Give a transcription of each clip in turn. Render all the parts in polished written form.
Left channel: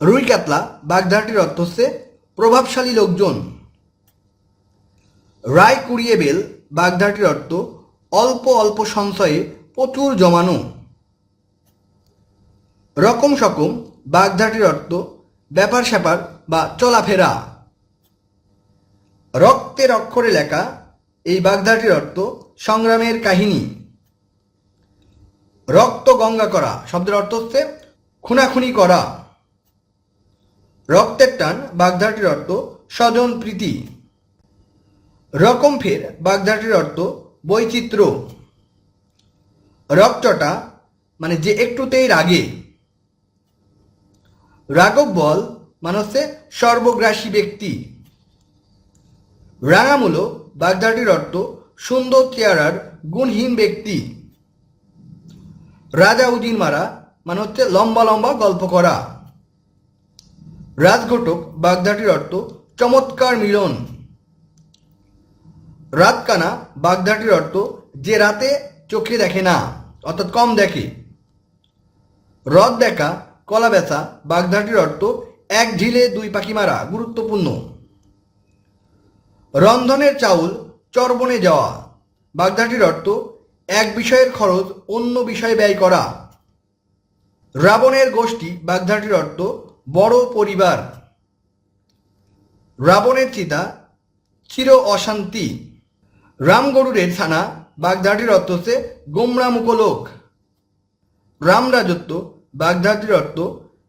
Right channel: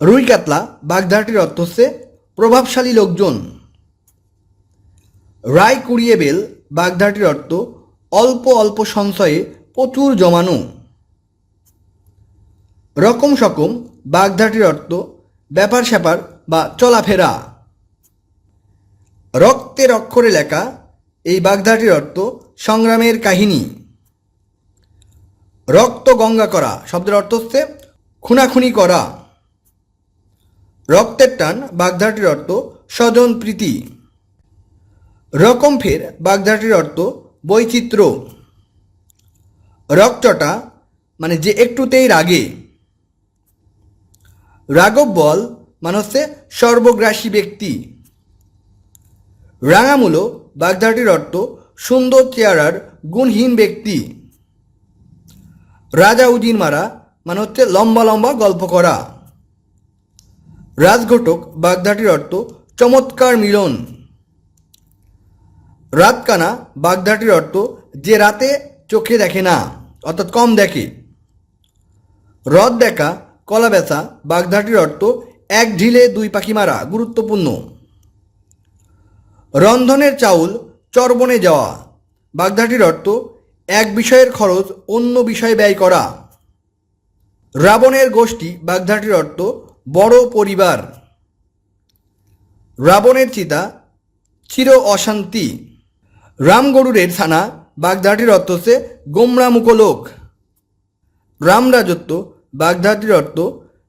রুই কাতলা বাগধারাটির অর্থ হচ্ছে প্রভাবশালী লোকজন। রায় কুড়িয়ে বেল বাগধারাটির অর্থ অল্প অল্প সঞ্চয়ে প্রচুর জমানো। রকম সকম বাগধারাটির অর্থ ব্যাপার স্যাপার বা চলাফেরা। রক্তের অক্ষরে লেখা এই বাগধারাটির অর্থ সংগ্রামের কাহিনী। রক্ত গঙ্গা করা শব্দের অর্থ হচ্ছে খুনাখুনি করা। রক্তের টান বাগধারাটির অর্থ স্বজন প্রীতি। রকম ফের বাগধারাটির অর্থ বৈচিত্র্য। রকচটা মানে যে একটুতেই রাগে। রাঘব বল মানে হচ্ছে সর্বগ্রাসী ব্যক্তি। রাঙামূলো বাগধারাটির অর্থ সুন্দর চেহারার গুণহীন ব্যক্তি। রাজা উজির মারা মানে হচ্ছে লম্বা লম্বা গল্প করা। রাজঘটক বাগধারাটির অর্থ চমৎকার মিলন। রাতকানা বাগধারাটির অর্থ যে রাতে চোখে দেখে না অর্থাৎ কম দেখে। রদ দেখা কলা বেচা বাগধারাটির অর্থ এক ঢিলে দুই পাখি মারা গুরুত্বপূর্ণ। রন্ধনের চাউল চর্বণে যাওয়া বাগধারাটির অর্থ এক বিষয়ের খরচ অন্য বিষয়ে ব্যয় করা। রাবণের গোষ্ঠী বাগধারাটির অর্থ বড় পরিবার। রাবণের চিতা চির অশান্তি। রামগরুরের ছানা বাগধারাটির অর্থ হচ্ছে গোমরামুখ লোক। রামরাজত্ব বাগধারাটির অর্থ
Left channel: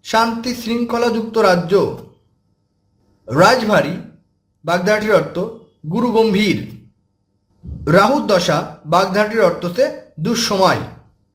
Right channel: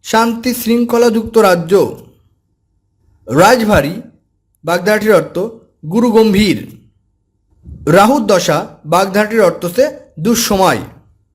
শান্তি শৃঙ্খলাযুক্ত রাজ্য। রাজভারী বাগধারাটির অর্থ গুরুগম্ভীর। রাহুর দশা বাগধারাটির অর্থ হচ্ছে দুঃসময়।